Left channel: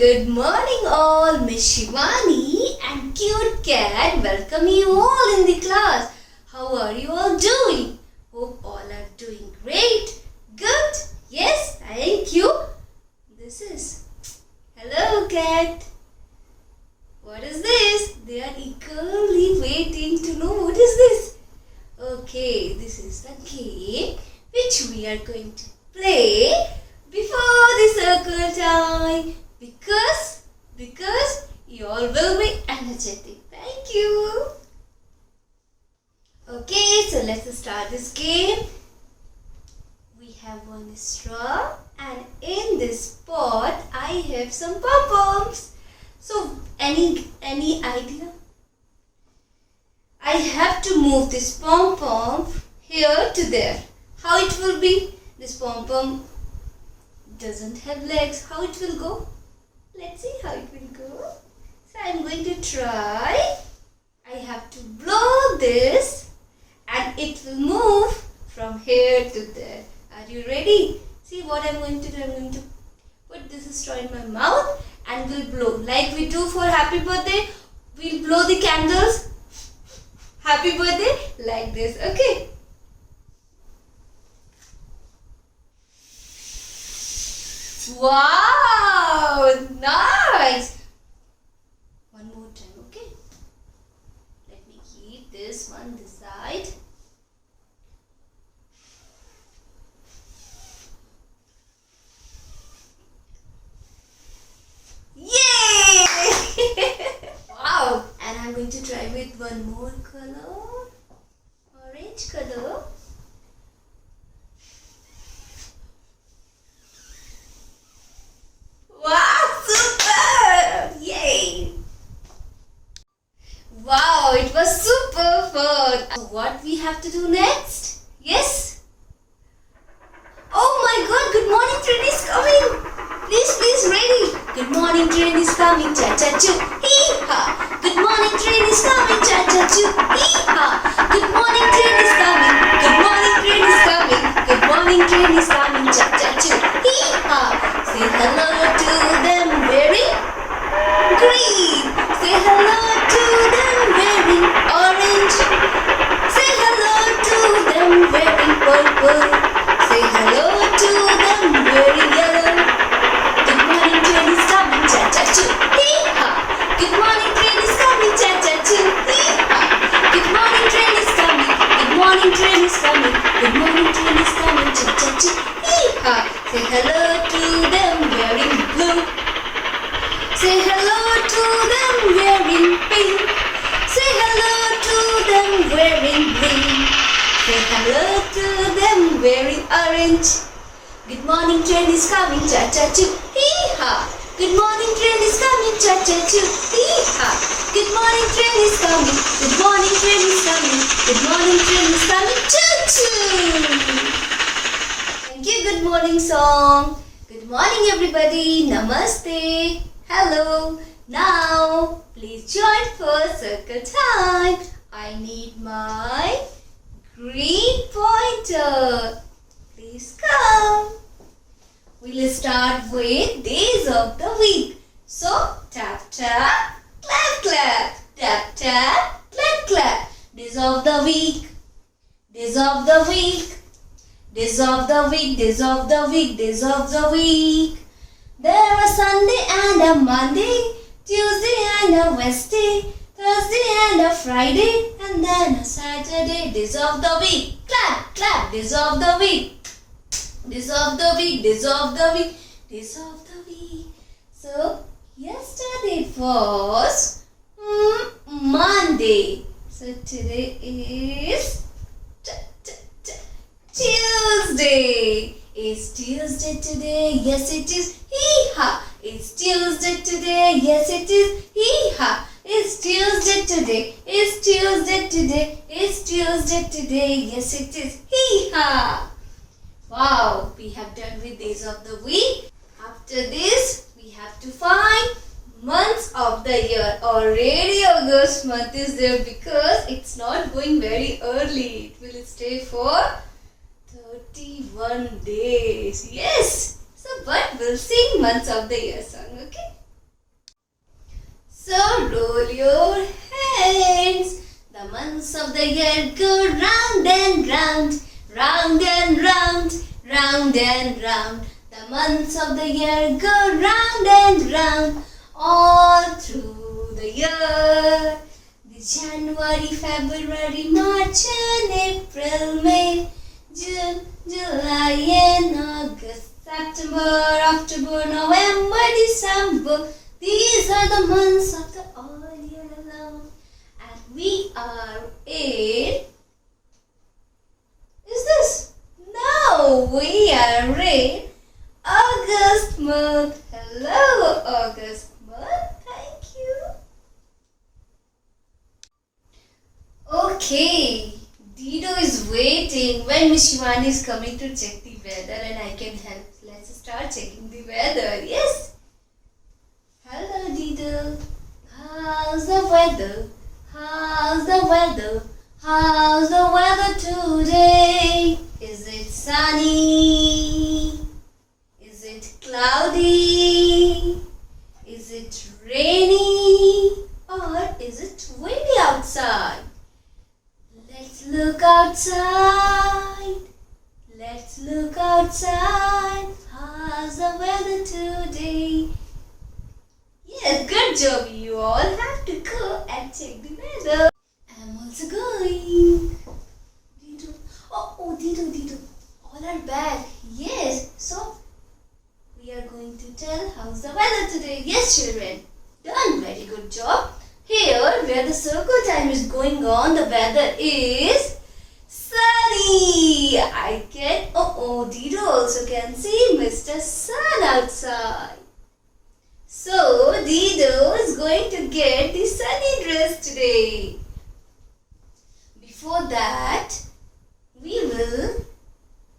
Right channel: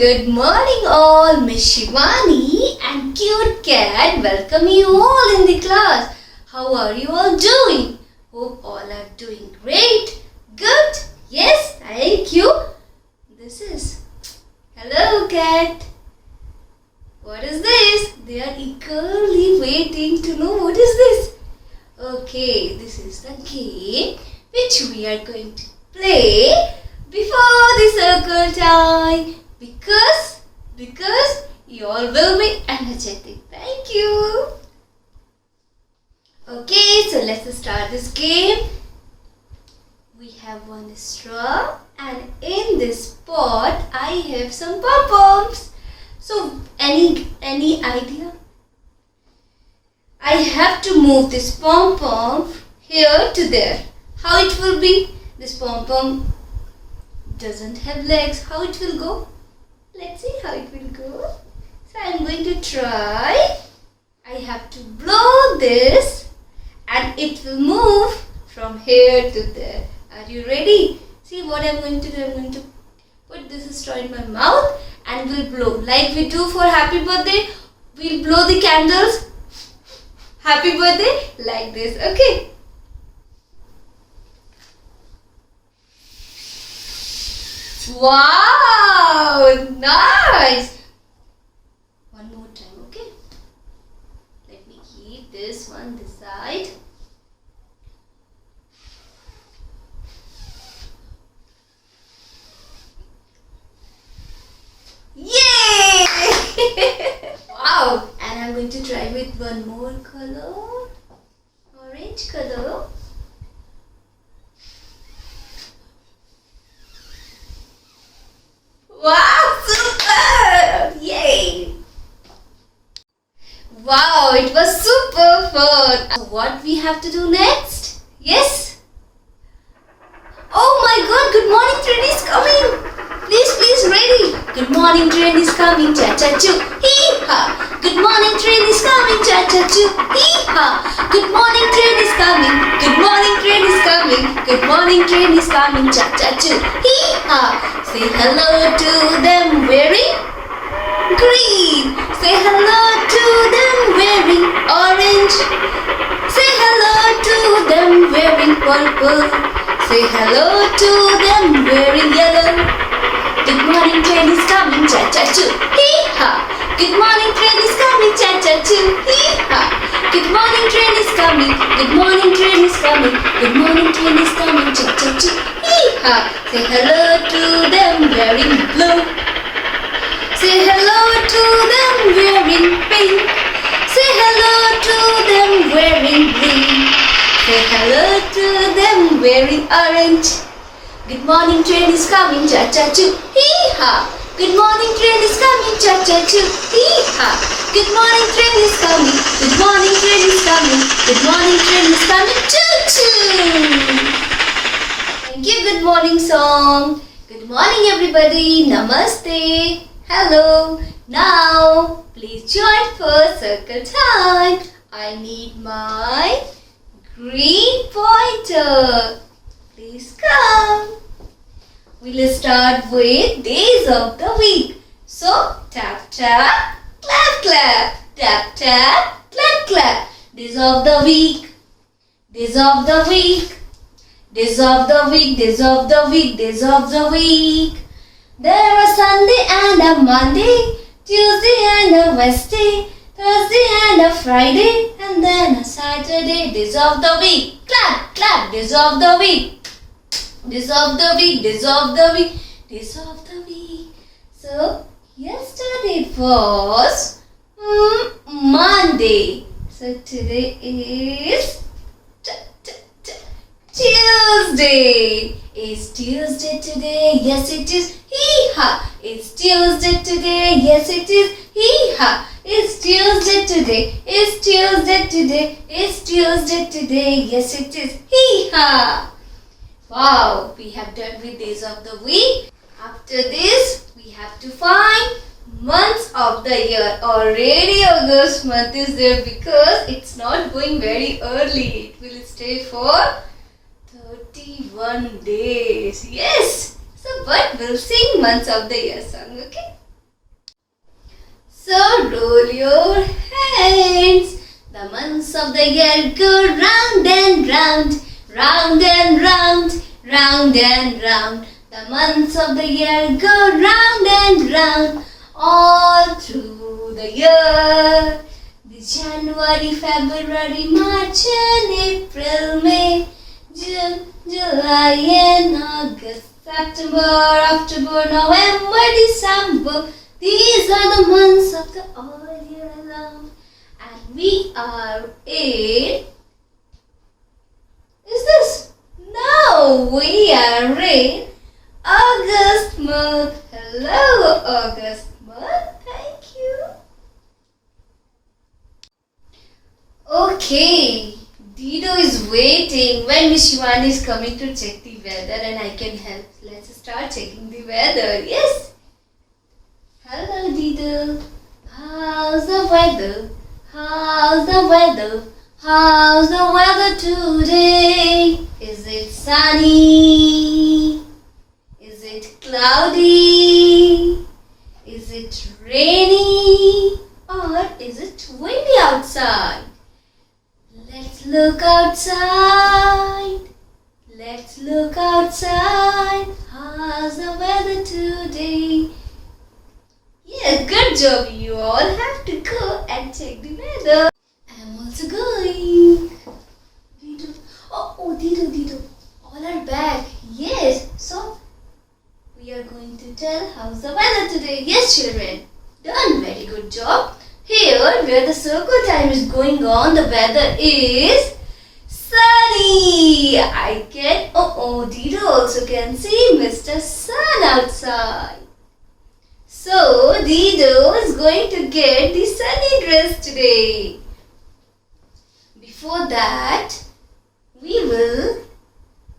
Good morning all, Miss Shivani and cute cat welcome you all in the class. How are you all doing? Hope all are doing great. Good? Yes, thank you. This is hello cat. What is this? They are eagerly waiting to know what is this. Okay, this is the game which we are going to play before the circle time because you all will be energetic. Thank you. Okay, so let's start this game. We have one straw and in this pot I have some pom-poms. So any idea? I have to move this pom-pom here to there. How it will be? This pom-pom doesn't have legs. How it will go? Let's see how it will go. So I'm going to try. I have to blow this and it will move from here to there. Are you ready? See what I'm going to do. I'm going to put this straw in my mouth and we'll blow. Like we do for happy birthday, we'll blow the candles. Happy birthday like this. Okay. Wow, nice. One more time, okay? Let me keep this one this side. Yay! Wow, and I'm going to try with one more color. Orange color. Wow, super! Yay! Wow, it was super fun. So what we have to do next? Yes? Oh my god, good morning train is coming. Please ready. Good morning train is coming. Cha-cha-choo. Hee-ha. Good morning train is coming. Cha-cha-choo. Hee-ha. Good morning train is coming. Good morning train is coming. Good morning train is coming. Cha-cha-choo. Hee-ha. Say hello to them wearing green. Say hello to them wearing orange. Say hello to them wearing purple. Say hello to them wearing yellow. Good morning train is coming, cha-cha-choo. Hee-ha. Good morning train is coming, cha-cha-choo. Hee-ha. Good morning train is coming. Good morning train is coming. Good morning train is coming, cha-cha-choo. Hee-ha. Say hello to them wearing blue. Say hello to them wearing pink. Say hello to them wearing green. Say hello to them wearing orange. Good morning train is coming, cha-cha-choo. Hee-ha. Good morning train is coming, cha-cha-choo. Hee-ha. Good morning train is coming. Good morning train is coming. Good morning train is coming, choo-choo. Thank you, good morning song. Good morning everybody. Namaste. Hello. Now, please join for circle time. I need my green pointer. Please come. We'll start with days of the week. So, tap tap, clap clap. Tap tap, clap clap. Days of the week. Days of the week. Days of the week. Days of the week. Days of the week. There are Sunday and a Monday, Tuesday and a Wednesday, Thursday and a Friday, and then a Saturday. Days of the week. Clap clap. Days of the week. Days of the week, days of the week, days of the week. So, yesterday was Monday. So, today is Tuesday. Is Tuesday today? Yes, it is. Hee-ha. It's Tuesday today. Yes, it is. Hee-ha. It's Tuesday today. It's Tuesday today. It's Tuesday today. Yes, it is. Hee-ha. Wow, we have done with days of the week. After this, we have to find months of the year. Already August month is there because it's not going very early. It will stay for 31 days. Yes. So, but we'll sing months of the year song, okay? So roll your hands. The months of the year go round and round, round and round, round and round. The months of the year go round and round, all through the year. The January, February, March and April, May, June, July and August, September, October, November, December. These are the months of the all year long. And we are in... Is this? No, we are in August month. Hello, August month. Thank you. Okay, Dido is waiting when Miss Shivani is coming to check the weather and I can help. Let's start checking the weather. Yes. Hello, Dido. How's the weather? How's the weather? How's the weather today? Is it sunny? Is it cloudy? Is it rainy? Or is it windy outside? Let's look outside. Let's look outside. How's the weather today? Yeah, good job. You all have to go and check the weather. I'm also going. Dido. Oh, Dido. All are back. Yes. So, we are going to tell how's the weather today. Yes, children. Done. Very good job. Here, where the circle time is going on, the weather is sunny. I can... Dido also can see Mr. Sun outside. So, Dido is going to get the sunny dress today. Before that, we will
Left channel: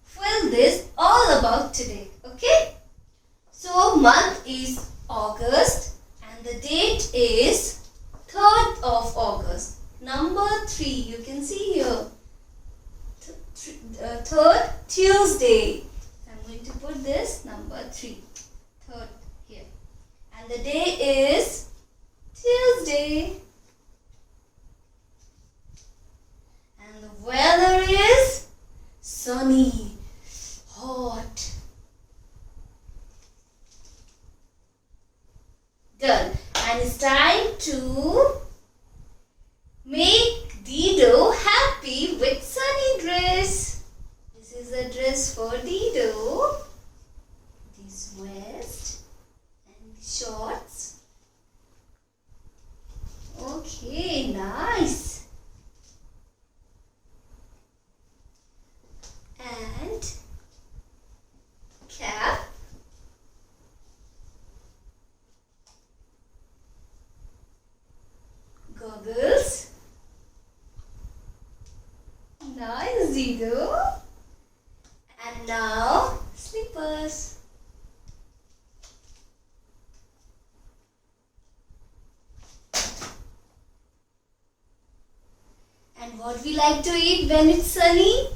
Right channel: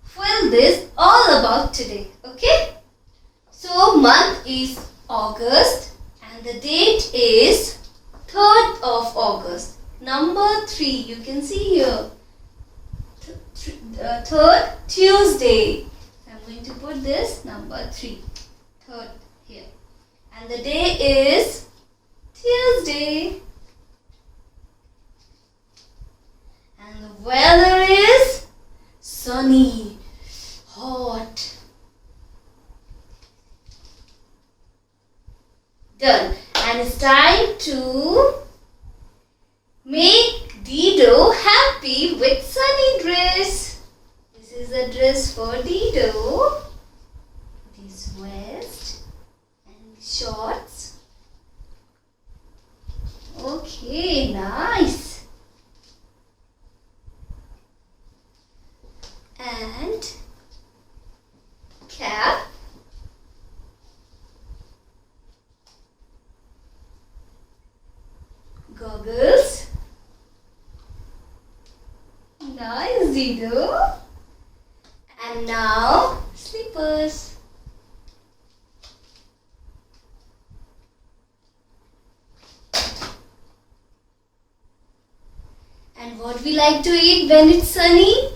fill this all about today. Okay? So, month is August and the date is 3rd of August. Number 3, you can see here. 3rd Tuesday. I'm going to put this number 3. 3rd here. And the day is Tuesday. And the weather is sunny, hot. Done. And it's time to make Dido happy with sunny dress. This is a dress for Dido. This vest and shorts. Okay, nice. And cap. Goggles. Nice, Dido. And now slippers. And what we like to eat when it's sunny?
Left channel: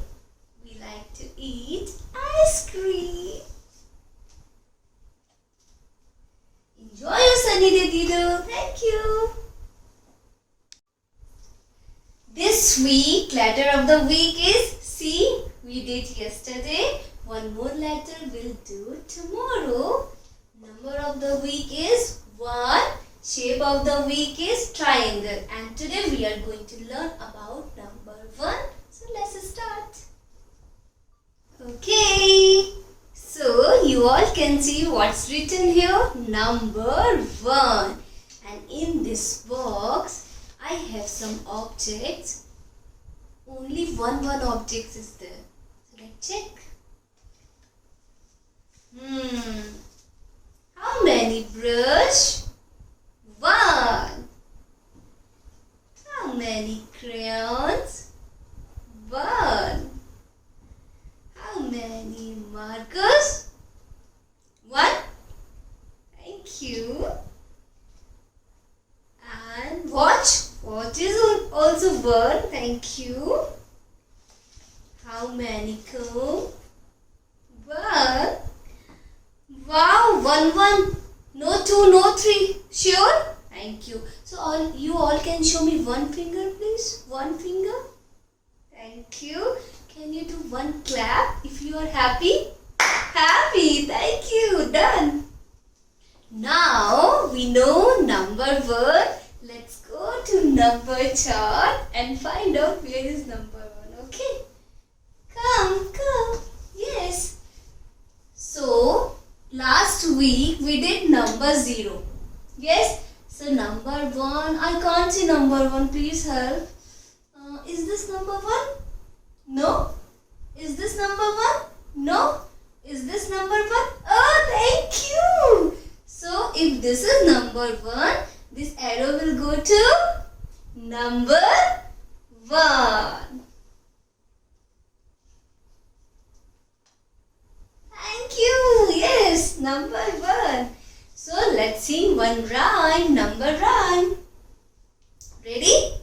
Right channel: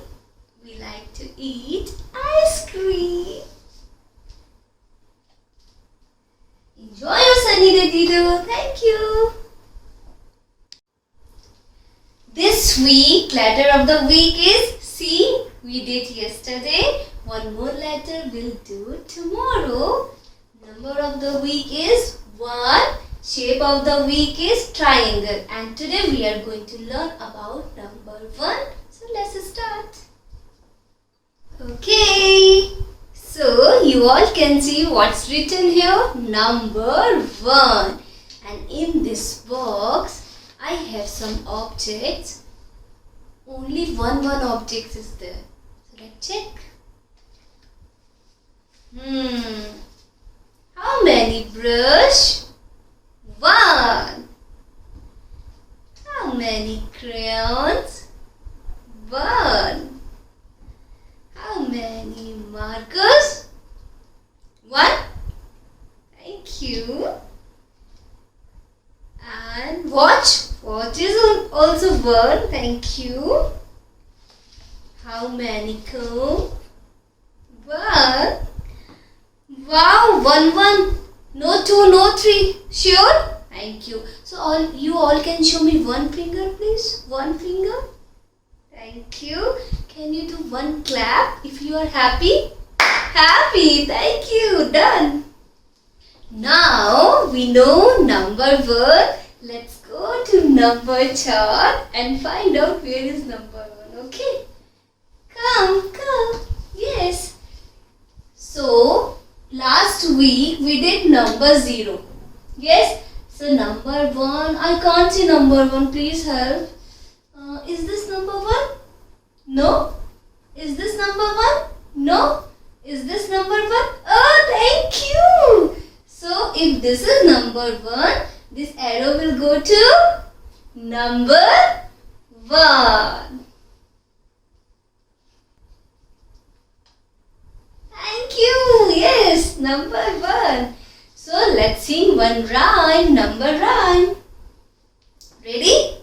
We like to eat ice cream. Enjoy your sunny day, Dido. Thank you. This week, letter of the week is C. We did yesterday. One more letter we'll do tomorrow. Number of the week is 1. Shape of the week is triangle. And today we are going to learn about number 1. So let's start. Okay. So you all can see what's written here. Number 1. And in this box, I have some objects. Only one object is there. So let's check. How many brush? 1. How many crayons? 1. How many markers? 1. Thank you. And watch. Watch is also 1. Thank you. How many comb? 1. Wow, 1. No 2, no 3. Sure? Thank you. So you all can show me one finger, please. One finger. Thank you. Can you do one clap if you are happy? Happy. Thank you. Done. Now we know number 1. Let's go to number chart and find out where is number 1. Okay. Come. Yes. So last week we did number 0. Yes. So number 1. I can't see number 1. Please help. Is this number 1? No. Is this number 1? No. Is this number 1? Oh, thank you. So if this is number 1, this arrow will go to number 1. Thank you. Yes, number 1. So let's sing one rhyme, number rhyme. Ready?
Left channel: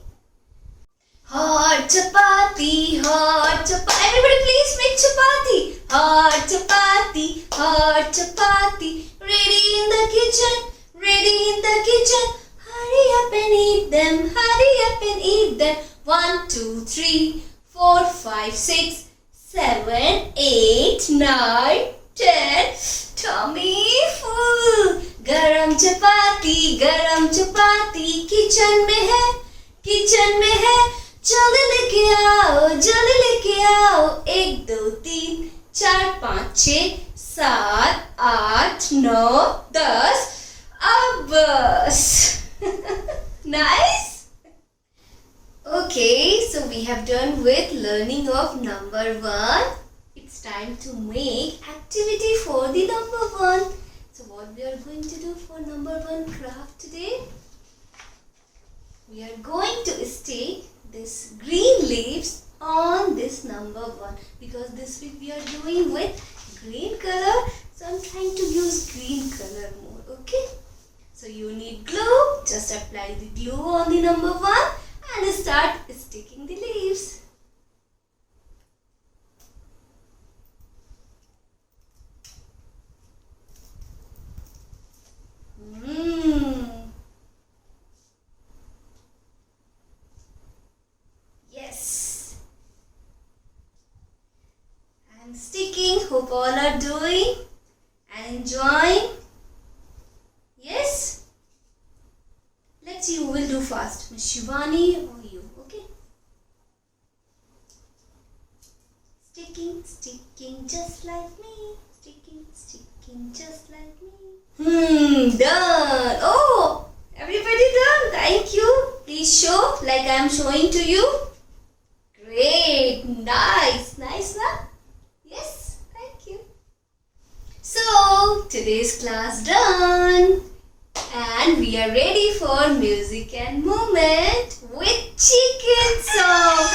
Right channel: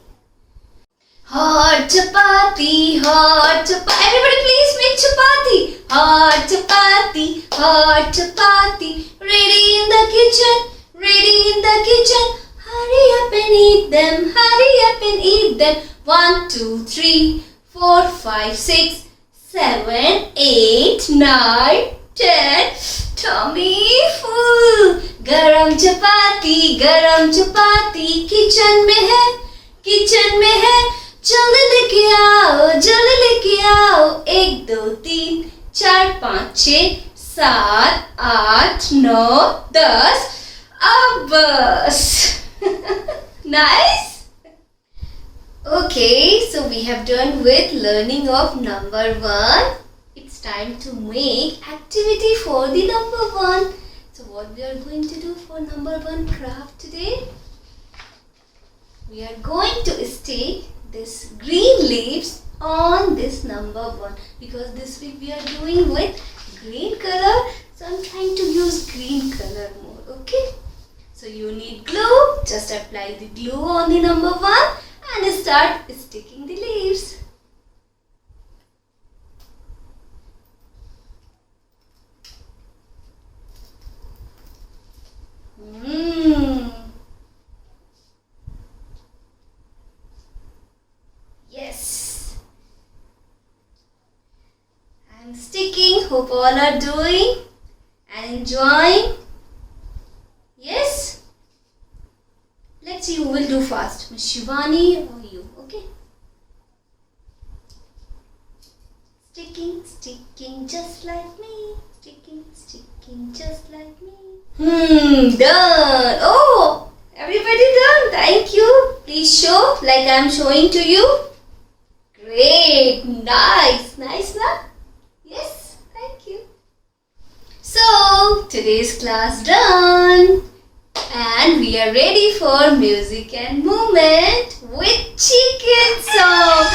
Hot chapati, hot chapati. Everybody please make chapati. Hot chapati, hot chapati. Ready in the kitchen, ready in the kitchen. Hurry up and eat them, hurry up and eat them. 1, 2, 3, 4, 5, 6, 7, 8, 9, 10. Tummy full. गरम चपाती kitchen में है जल्दी लेके आओ 1 2 3 4 5 6 7 8 9 10 अब बस. Nice. Okay, so we have done with learning of number 1. It's time to make activity for the number 1. So what we are going to do for number 1 craft today? We are going to stick this green leaves on this number 1 because this week we are doing with green color. So I'm trying to use green color more. Okay. So you need glue. Just apply the glue on the number 1 and start sticking the leaves. Yes. I'm sticking. Hope all are doing and enjoying. Yes. Let's see who will do fast. Miss Shivani or you. Okay. Sticking just like me. Sticking just like me. Done. Oh, everybody done. Thank you. Please show like I am showing to you. Great. Nice. Nice, na? Yes. Thank you. So, today's class done. And we are ready for music and movement with chicken song.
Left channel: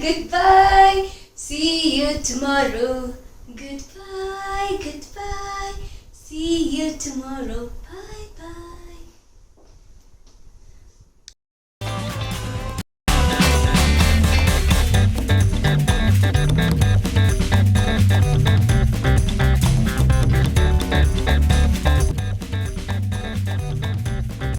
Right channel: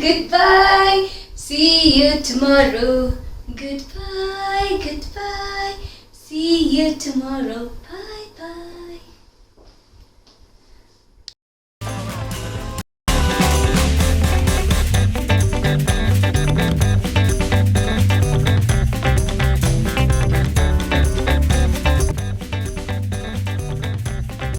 Goodbye. See you tomorrow. Goodbye. See you tomorrow.